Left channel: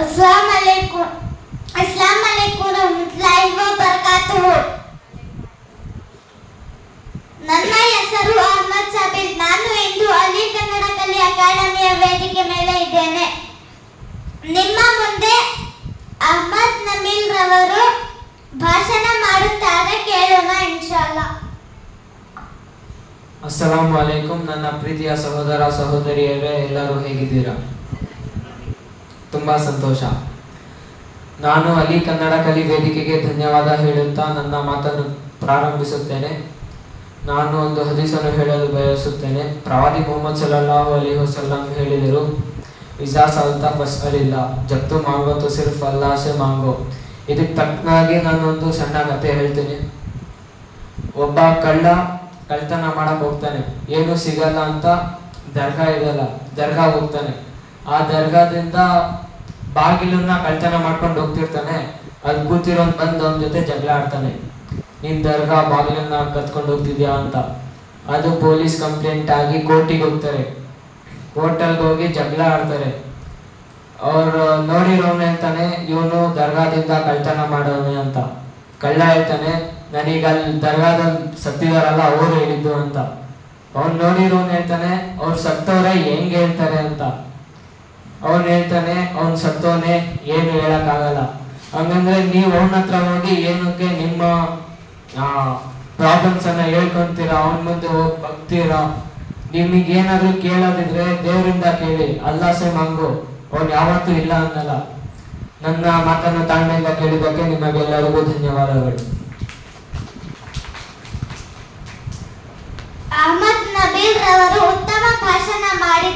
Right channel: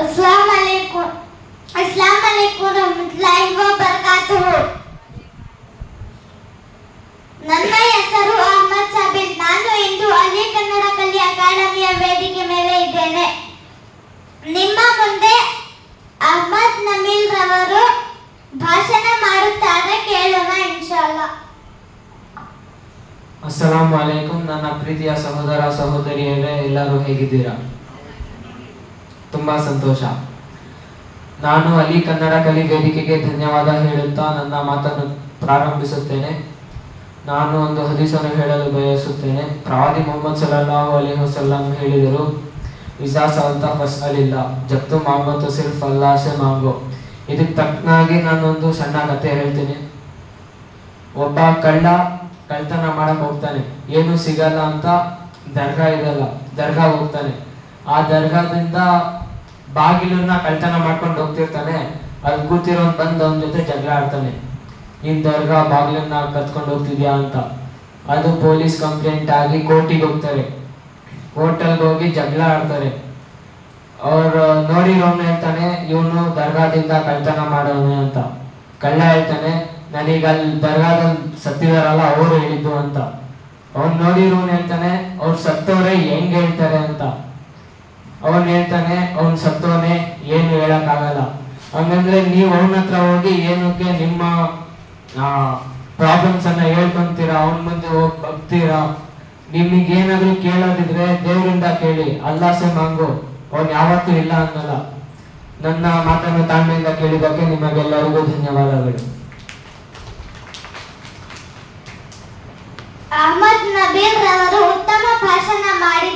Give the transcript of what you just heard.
अस्सलाम वालेकुम रहमतुल्लाहि व बरकातुहು. ನನ್ನ ಹೆಸರು ಅಹಮದ್ ಸಾಬಿರ್. ನಾನು ಇಂದು ಅಲಿ ಕನ್ನಡ ಕಲಿ ಅಕಾಡೆಮಿಯ ವೇದಿಕೆ ಮೇಲೆ ಇದ್ದೇನೆ. ನಿಮ್ಮ ಮುಂದೆ ಅಹಮದ್ ನಮೀಲ್ ರವರು ಭಾಷಣ ಮಾಡುತ್ತಾರೆ, ಕೇಳೋಣ ಇನ್ಶಾಅಲ್ಲಾ. ಅಸ್ಸಲಾಮು ಅಲೈಕುಂ. ನನ್ನ ಪ್ರೀತಿಯ ಸಹೋದರ ಸಹೋದರಿಯರೇ, ಎಲ್ಲರೂ ಹೇಗಿದ್ದೀರಾ? ತುಂಬಾ ಸಂತೋಷ. ನಾನು ಅಲಿ ಕನ್ನಡ ಕಲಿ ವೇದಿಕೆಗೆ ಧನ್ಯವಾದ ಹೇಳುತ್ತಾ ನನ್ನ ಮಾತನ್ನು ಪ್ರಾರಂಭಿಸುತ್ತೇನೆ. ನಾನು ಒಂದು ಹದೀಸನ್ನು ಹೇಳಲು ಬಯಸುತ್ತೇನೆ. ಪ್ರವಾದಿ ಮೊಹಮ್ಮದ್ ಸಲ್ಲಲ್ಲಾಹು ಅಲೈಹಿ ವಸಲ್ಲಂ ಹೇಳಿದರು, ಇಜಾ ಸಲ್ತಾ ಫಸ್ಅಲಿಲ್ಲ, ಜಬ್ ತು ಮಾಂಗೋ ತೋ ಸಿರ್ಫ್ ಅಲ್ಲಾಹ್ ಸೆ ಮಾಂಗೋ. ಇದಕ್ಕೆ ತಕ್ಕನಾಗಿ ನಾನೊಂದು ಸಣ್ಣ ಕತೆ ಹೇಳ್ತೀನಿ. ಒಬ್ಬ ಕಳ್ತನ ಮಾಡಕ್ ಹೋಗ್ತಾನೆ. ಏನು ಸಿಗಲ್ಲ ಅಂತ ದರ್ಗಾ ಇದಲ್ಲ, ದರ್ಗಾ ಹೋಗ್ತಾನೆ. ಆ ದರ್ಗಾದಿಂದ ಬಾಗಿಲನ್ನ ಕಳ್ತನ ಮಾಡ್ಕೊಂಡು ಹೋಗ್ತಿರ್ತಾನೆ. ಅಲ್ಲಿ ಕೂತಿರೋನ್ ಬಂದು ಅವನ ಜೊತೆ ಜಗಳ ಆಡ್ತಾನೆ, ನೀನ್ ದರ್ಗಾ ಬಾಗಿಲನ್ನ ಕತ್ಕೊಂಡು ಹೋಗ್ತಿದ್ಯಾ ಅಂತ. ಅದು ಪೊಲೀಸ್ ಕಂಪ್ಲೇಂಟ್ ಆಗಿ ಕೋರ್ಟಿಗೆ ಹೋಗ್ತಾರೆ. ಕೋರ್ಟಲ್ಲಿ ಹೋಗಿ ಜಗಳ ಆಡ್ತಾರೆ. ಅವ್ರು ನೋಡಿರೋನು ಹೇಳ್ತಾನೆ, ಇವನು ದರ್ಗಾದಿಂದ ಕಳ್ತನ ಮಾಡೋನೆ ಅಂತ. ಕಳ್ಳ ಹೇಳ್ತಾನೆ, ನನೀಗ ಅಲ್ಲಿ ದರ್ಗಾದಲ್ಲಿ ಸತ್ತಿದಾರಲ್ಲ ಅವ್ರು ಹೇಳಿದ್ದು ಅಂತ. ಅವ್ನು ನೋಡಿರೋನು ಹೇಳ್ತಾನೆ, ಅವ್ರು ಸತ್ತವ್ರೆ ಹೆಂಗ್ ಹೇಳ್ತಾರೆ ಅಂತ. ಅವನ್ ಹೇಳ್ತಾನೆ, ಅವ್ನ್ ಸತ್ತವನೇ, ಏನು ಹೇಳಕ್ ಆಗಲ್ಲ. ಹಂಗಂದ್ರೆ ನೀವು ಅವನ ಹತ್ರ ಹೋಗಿ ಏನಕ್ಕೆ ನಿಮ್ಮ ಪ್ರಾಬ್ಲಮ್ಸ್ ಅನ್ನ ಹೇಳ್ಕೊಂತೀರಾ, ಅವನ ಮುಂದೆ ಹೋಗಿ ಬಗ್ತೀರಾ? ನಿಮಗೇನಾದ್ರೂ ಕೇಳೋದಿದ್ರೆ ದೇವರಿಂದ ಕೇಳಿ, ಅಲ್ಲಾಹ್ ಸೆ ಮಾಂಗೋ. ಅವ್ನು ಯಾವತ್ತೂ ಇಲ್ಲ ಅನ್ನಲ್ಲ. ನನ್ನ ಮಾತನ್ನು ತಾಳ್ಮೆಯಿಂದ ಕೇಳಿದ್ದಕ್ಕೆ ನಿಮಗೆಲ್ಲರಿಗೂ ಧನ್ಯವಾದಗಳು. ಅಹಮದ್ ನಬೀಲ್ ರವರು ಉತ್ತಮ ಭಾಷಣ ಮಾಡಿ